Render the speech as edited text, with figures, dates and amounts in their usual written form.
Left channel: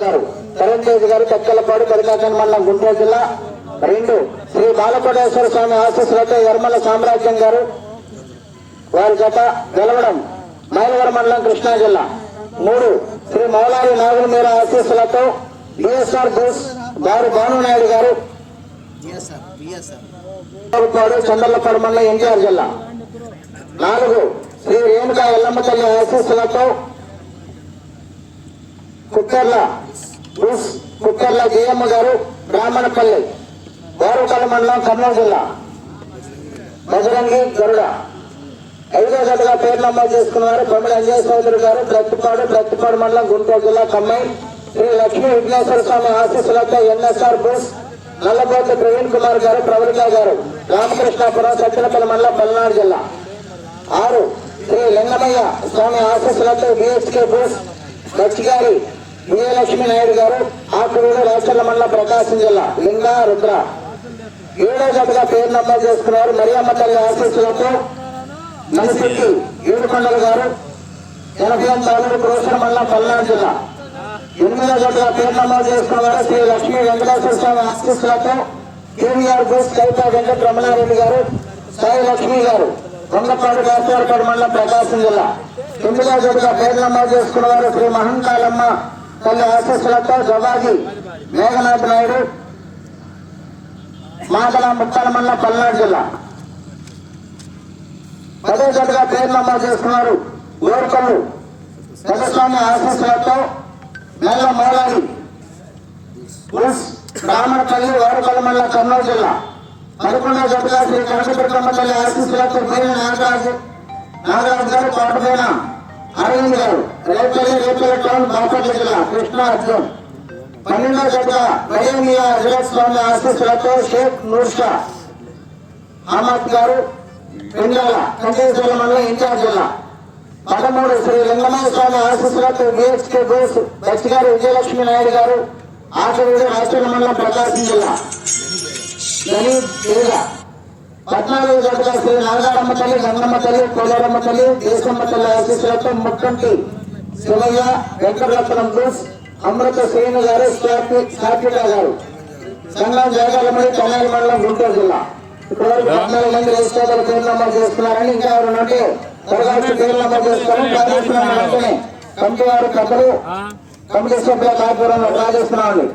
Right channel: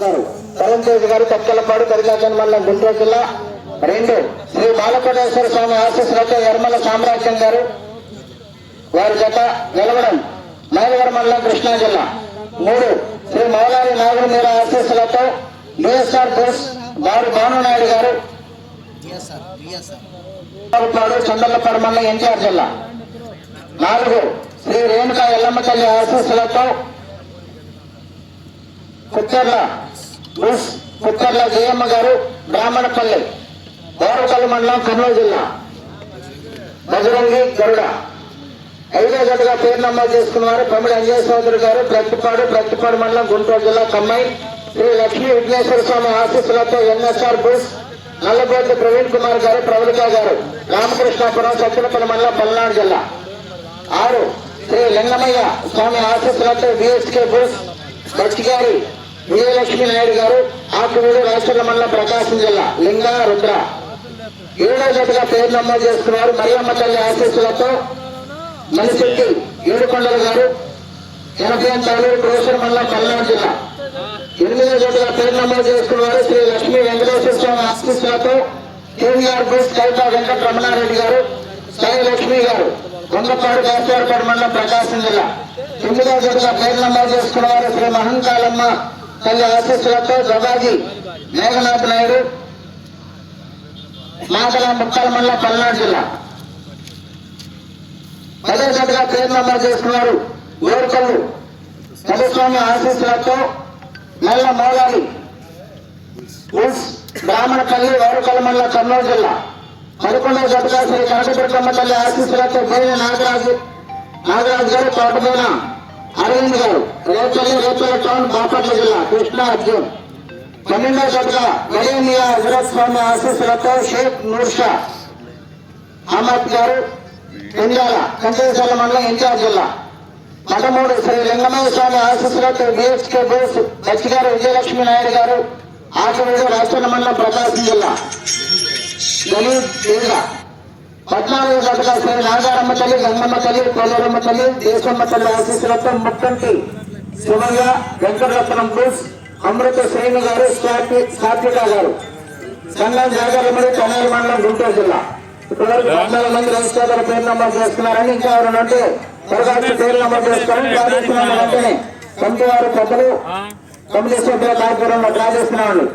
తరుణ్ తేజ్ గారు తక్కలపాడు కరికాకన్ మండలం గుంటూరు జిల్లా. 2 శ్రీ బాలకోటేశ్వర స్వామి ఆశీస్సులతో యర్మల సామ్రాజ్యం గారు వారి జత గెలవడం మైలవరం మండలం కృష్ణా జిల్లా. 3 శ్రీ మౌలారి నాగుల మీర ఆశీస్సులతో బిఎస్ఆర్ బోస్ బారు భానునాయుడు గారు చంద్రలపాడు మండలం ఎన్టీఆర్ జిల్లా. 4 శ్రీ రేణుకా ఎల్లమ్మ తల్లి ఆశీస్సులతో కుక్కర్ల జయమ్మ గారు బ్రాహ్మణపల్లి వారుకల్ మండలం కర్నూలు జిల్లా. బజరంగి గరుడ. 5వ జతగా పేరు నమోదు చేసుకున్నారు కొమ్మడి అంజయ్ చౌదరి గారు ప్రతిపాడు మండలం గుంటూరు జిల్లా. కమ్మాయి శ్రీ లక్ష్మీ విఘ్నేశ్వర స్వామి ఆశీస్సులతో ఎన్ఎస్ఆర్ బోస్ నల్లబోతు ప్రవీణ్ కుమార్ గారు ప్రవళిక గారు రామకృష్ణాపురం సత్యనపల్లి మండలం పల్నాడు జిల్లా. 6 శ్రీ లింగమయ్య స్వామి ఆశీస్సులతో బిఎస్కే బోస్ బచ్చిగారి విజయలక్ష్మీ నాయుడు గారు ఆకువీడు రాష్ట్ర మండలం ప్రకాశం జిల్లా. లింగా రుద్ర. 7వ జతగా పేరు నమోదు చేసుకున్నారు మరియమ్మ తల్లి ఆశీస్సులతో మనిశెట్టి ఏడుకొండల గారు 80 తాలూరు క్రోసర్ మండలం పల్నాడు జిల్లా. 8వ జతగా పేరు నమోదు చేసుకున్నారు శ్రీ లక్ష్మీ వెంకటేశ్వర స్వామి ఆశీస్సులతో కేవీఆర్ బోస్ కైతా వెంకట రమణారెడ్డి గారు సాయి లక్ష్మి గారు కొండపాడు గాస్వారపాడు మండలం ప్రకాశం జిల్లా. 9వ జతగా పేరు నమోదు చేసుకున్నవారు శ్రీ మహంకాలమ్మ తల్లి ఆశీస్సులతో జవాజీ మేఘనాథ్ నాయుడు మాదల ముక్కల మండలం పల్నాడు జిల్లా. 10వ జతగా పేరు నమోదు చేసుకున్నారు ఓర్కల్లు పెదస్వామి ఆశీస్సులతో నల్ల మౌలాలి బ్రాహ్మణపల్లి వారుకల్ మండలం కర్నూలు జిల్లా. 11వ జతగా శ్రీ కనకదుర్గమ్మ తల్లి ఆశీస్సులతో బోయిన నాగరాజు గారు తోటమేన అరవింద్ గారు రేపల్లి టౌన్ బాపట్ల జిల్లా. కృష్ణా అర్జున్. 12వ జతగా గడేమియా హజరత్ స్వామి ఆశీస్సులతో షేక్ నూర్షా అహ్మద్ గారు పిండాల కంటేశ్వర మండలం ఎన్టీఆర్ జిల్లా. 13 శ్రీ లింగమయ్య స్వామి ఆశీస్సులతో బిహెచ్కే బోస్ బచ్చిగారు విజయలక్ష్మీ నాయుడు గారు ఆకువీడు రాష్ట్ర మండలం ప్రకాశం జిల్లా. 14వ జతగా శ్రీ నాగారమ్మ తల్లి గంగమ్మ తల్లి కోలారమ్మ తల్లి దేశమ్మ తల్లి ఆశీస్సులతో ముక్కంటి శివయ్య వెంకటరత్నం బోస్ అమృత శ్రేణి గారు సాత్విక గారు సంఘం జాగాలమడి కన్నయ్య మండలం గుంటూరు జిల్లా. ఇప్పటివరకు 14 మంది రైతుల పేరు నమోదు చేసుకున్నారని ఇంకా ఎవరంటే త్వరగా పేరు నమోదు చేసుకోవడం ప్రార్థిస్తున్నాను. వెంటనే కమిటీ వారు పెద్దలు కమిటీ సభ్యుల కార్యక్రమంలో ప్రార్థిస్తున్నామండి.